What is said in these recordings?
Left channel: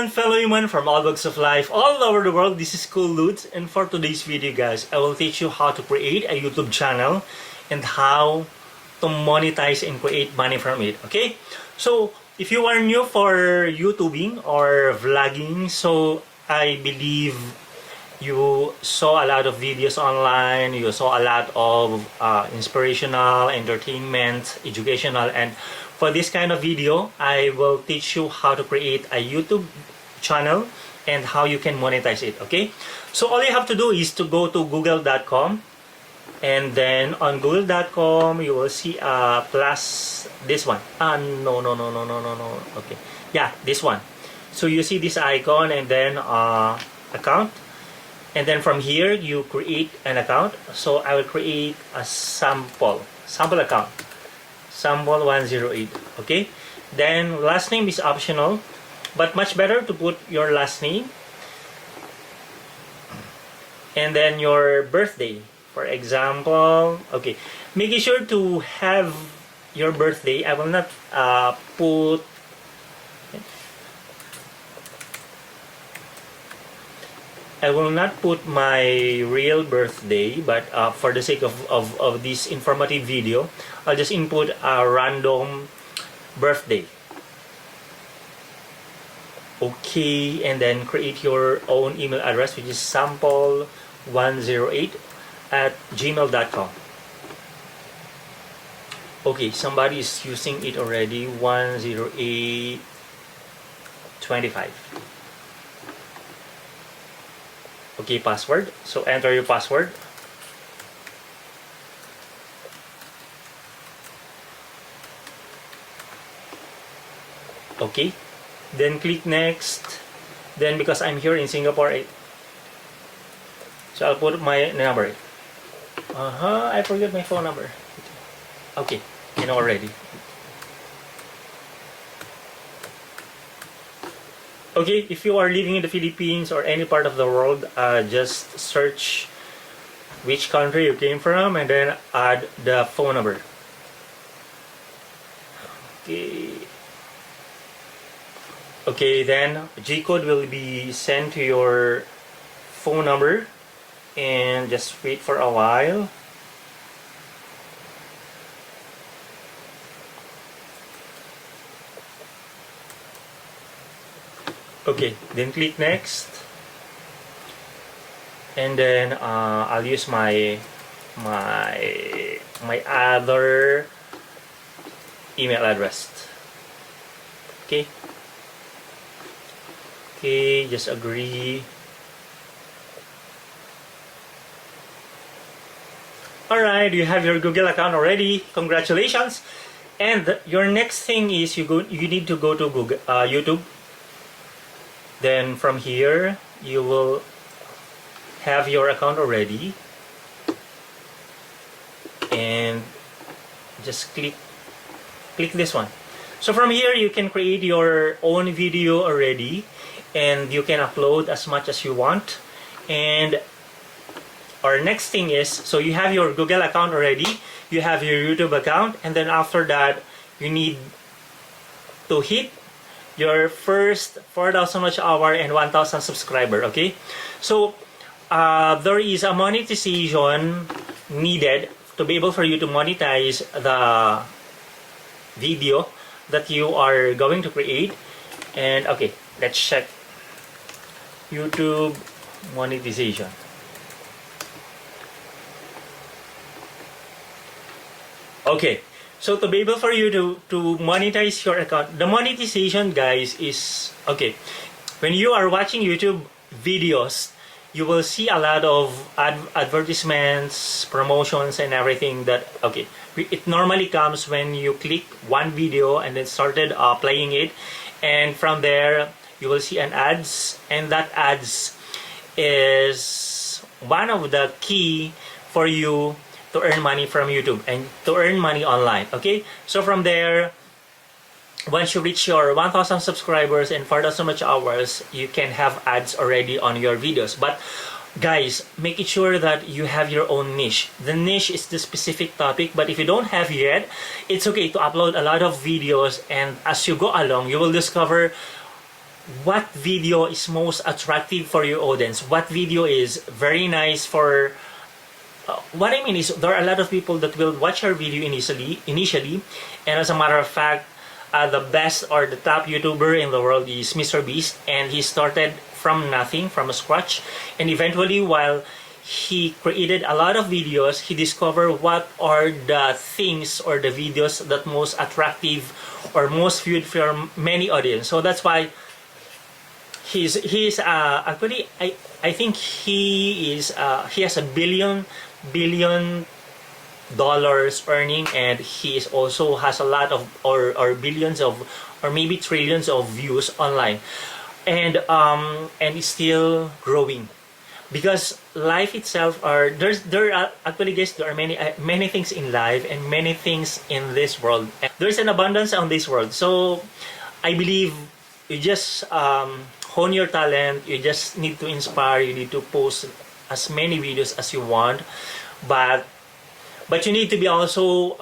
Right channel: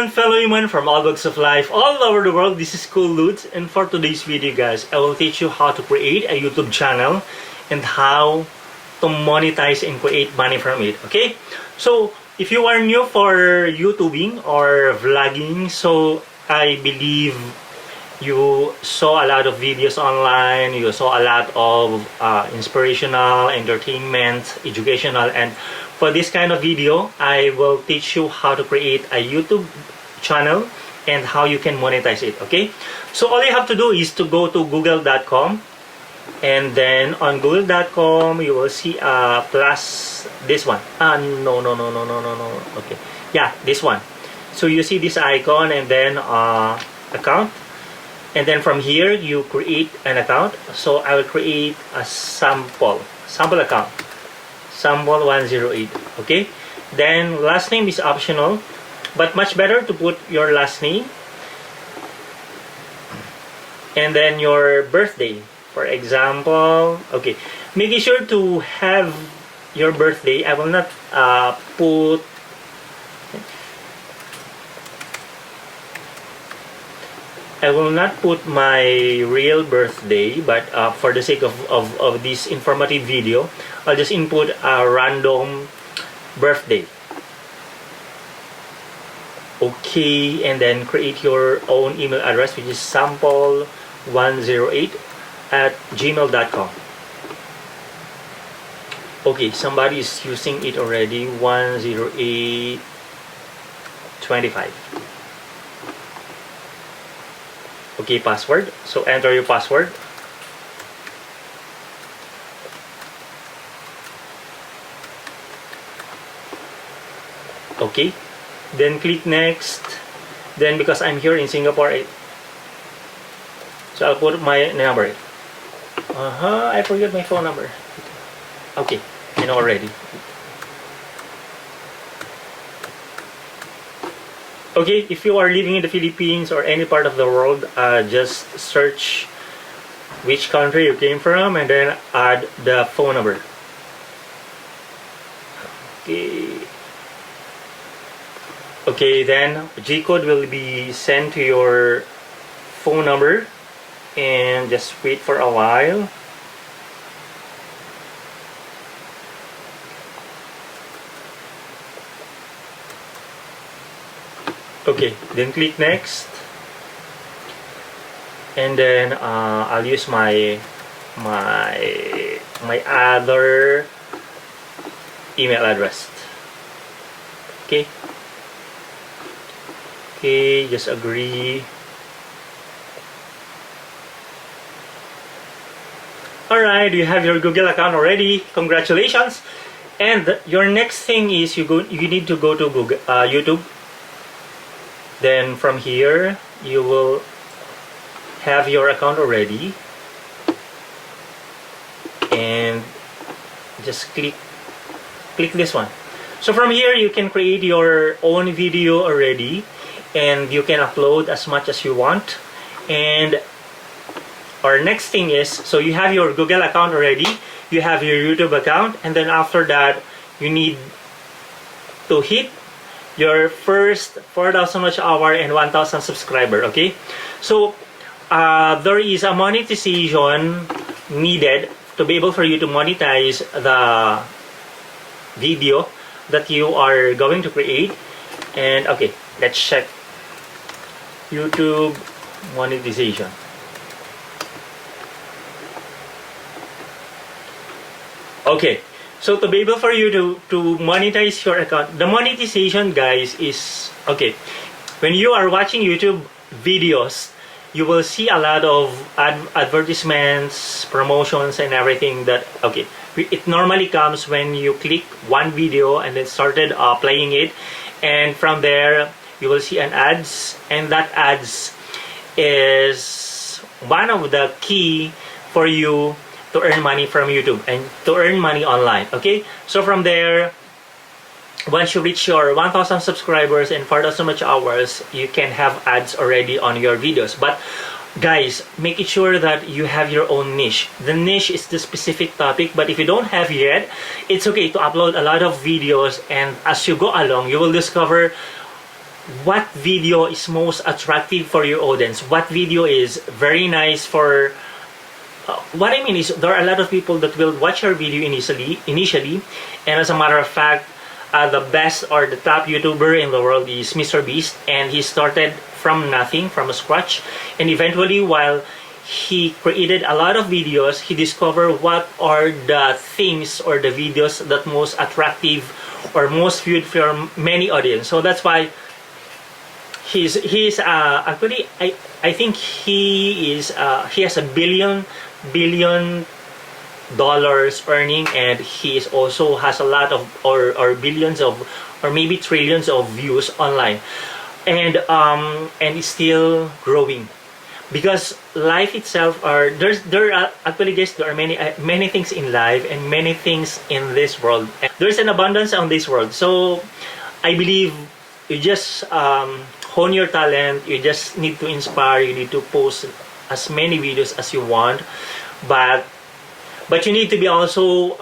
everyone, fellow human from all walks of life all over the world. This is Cool Dudz, and for today's video, guys, I will teach you how to create a YouTube channel and how to monetize and create money from it. Okay, so if you are new for YouTubing or vlogging, so I believe you saw a lot of videos online, you saw a lot of inspirational, entertainment, educational, and for this kind of video, I will teach you how to create a YouTube channel and how you can monetize it, okay? So all you have to do is to go to google.com, and then on google.com you will see plus this one. No, okay. Yeah, this one. So you see this icon and then account. And then from here, you create an account. So I will create a sample account. Sample 108, okay? Then last name is optional, but much better to put your last name. And then your birthday, for example, okay. Making sure to have your birthday. I will not put my real birthday, but for the sake of this informative video, I'll just input a random birthday. Okay, and then create your own email address, which is sample108@gmail.com. Okay, somebody is using it already, 10825. Okay, password. So enter your password. Okay, then click next. Then because I'm here in Singapore, so I'll put my number. I forgot my phone number. Okay, I know already. Okay, if you are living in the Philippines or any part of the world, just search which country you came from and then add the phone number. Okay, then G-code will be sent to your phone number, and just wait for a while. Okay, then click next, and then I'll use my other email address. Okay, just agree. Alright, you have your Google account already. Congratulations. And your next thing is you need to go to Google YouTube. Then from here, you will have your account already, and just click this one. So from here, you can create your own video already, and you can upload as much as you want. And our next thing is, so you have your Google account already, you have your YouTube account, and then after that, you need to hit your first 4,000 watch hour and 1,000 subscriber. Okay, so there is a monetization needed to be able for you to monetize the video that you are going to create. And okay, let's check YouTube monetization. Okay, so to be able for you to monetize your account, the monetization, guys, is okay. When you are watching YouTube videos, you will see a lot of advertisements, promotions, and everything that, okay, it normally comes when you click one video and then started playing it, and from there you will see an ads, and that ads is one of the key for you to earn money from YouTube and to earn money online. Okay, so from there, once you reach your 1,000 subscribers and 4,000 watch hours, you can have ads already on your videos. But guys, make it sure that you have your own niche. The niche is the specific topic, but if you don't have yet, it's okay to upload a lot of videos, and as you go along, you will discover what video is most attractive for your audience, what video is very nice for what I mean is there are a lot of people that will watch our video initially, and as a matter of fact, the best or the top YouTuber in the world is Mr. Beast, and he started from nothing, from scratch, and eventually, while he created a lot of videos, he discovered what are the things or the videos that most attractive or most viewed for many audience. So that's why he's actually I think he has a billion dollars earning, and he is also has a lot of or billions of or maybe trillions of views online, and is still growing, because life itself are there are actually, guys, there are many things in life and many things in this world. There's an abundance on this world, so I believe you just hone your talent. You just need to inspire. You need to post as many videos as you want, but you need to be also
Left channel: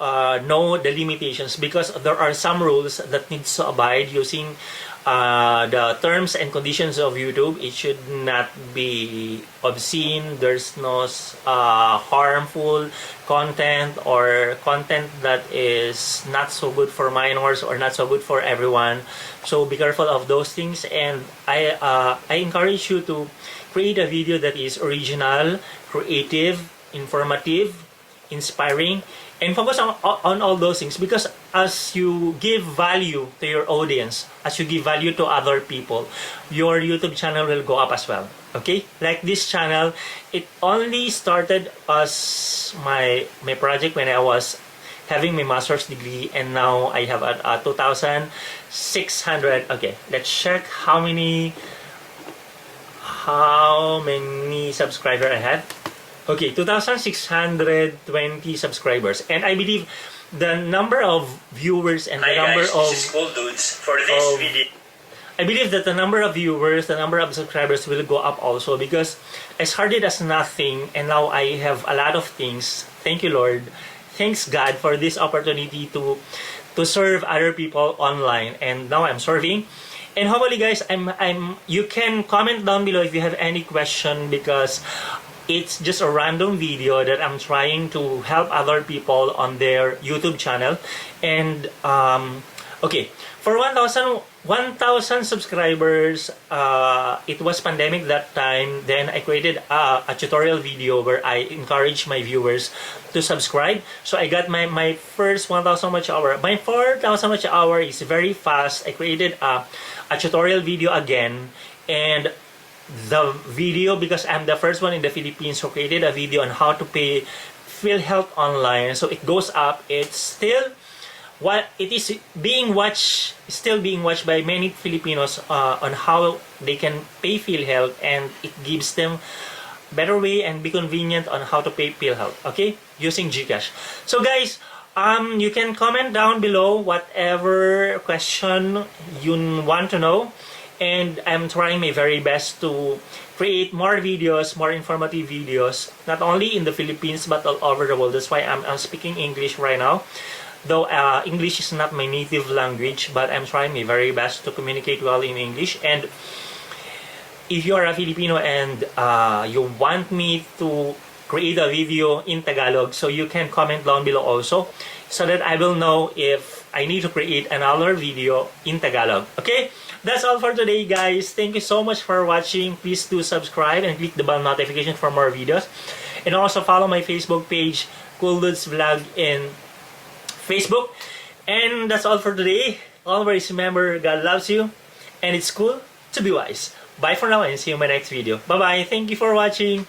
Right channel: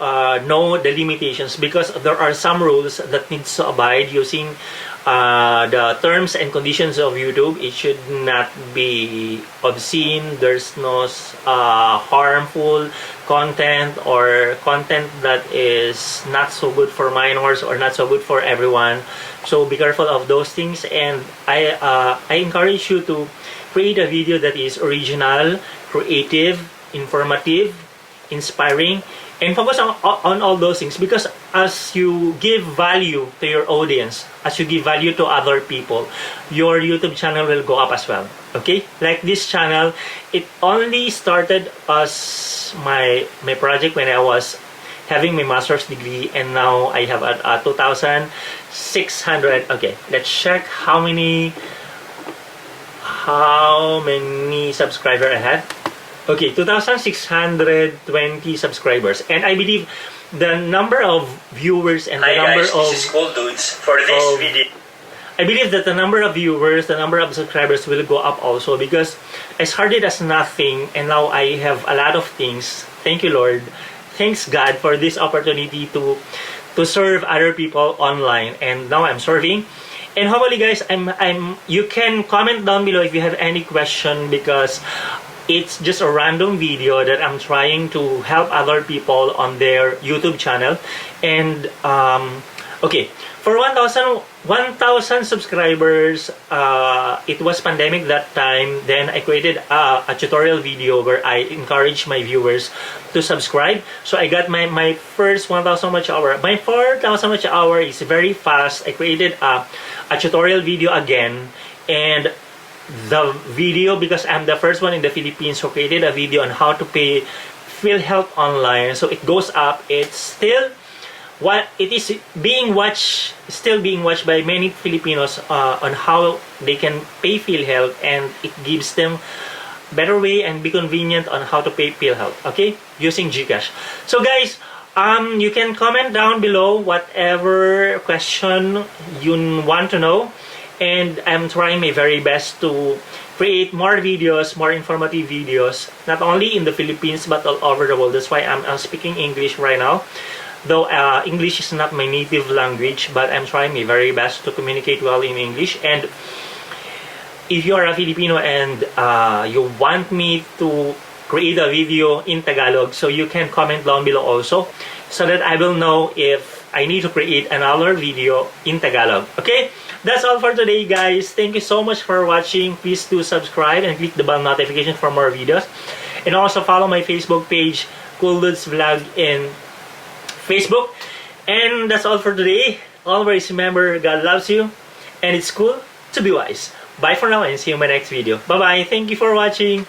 know the limitations, because there are some rules that needs to abide using the terms and conditions of YouTube. It should not be obscene. There's no harmful content or content that is not so good for minors or not so good for everyone. So be careful of those things, and I encourage you to create a video that is original, creative, informative, inspiring, and focus on all those things, because as you give value to your audience, as you give value to other people, your YouTube channel will go up as well. Okay, like this channel, it only started as my project when I was having my master's degree, and now I have a 2,600. Okay, let's check how many subscribers I had. Okay, 2,620 subscribers, and I believe the number of viewers and the number guys, of this is Cool Dudes for this video. I believe that the number of viewers, the number of subscribers will go up also, because I started as nothing and now I have a lot of things. Thank you, Lord. Thanks, God, for this opportunity to serve other people online, and now I'm serving. And hopefully, guys, you can comment down below if you have any question, because it's just a random video that I'm trying to help other people on their YouTube channel. And okay, for 1,000 subscribers, it was pandemic that time. Then I created a tutorial video where I encourage my viewers to subscribe. So I got my first 1,000 watch hour. My 4,000 watch hour is very fast. I created a tutorial video again, and the video, because I'm the first one in the Philippines who created a video on how to pay PhilHealth online. So it goes up. It's still it is still being watched by many Filipinos on how they can pay PhilHealth, and it gives them better way and be convenient on how to pay PhilHealth, okay, using GCash. So guys, you can comment down below whatever question you want to know, and I'm trying my very best to create more videos, more informative videos, not only in the Philippines but all over the world. That's why I'm speaking English right now, though English is not my native language, but I'm trying my very best to communicate well in English. And if you are a Filipino and you want me to create a video in Tagalog, so you can comment down below also, so that I will know if I need to create another video in Tagalog. Okay, that's all for today, guys. Thank you so much for watching. Please do subscribe and click the bell notification for more videos, and also follow my Facebook page, Cool Dudz Vlog, in Facebook. And that's all for today. Always remember, God loves you, and it's cool to be wise. Bye for now, and see you in my next video. Bye bye. Thank you for watching.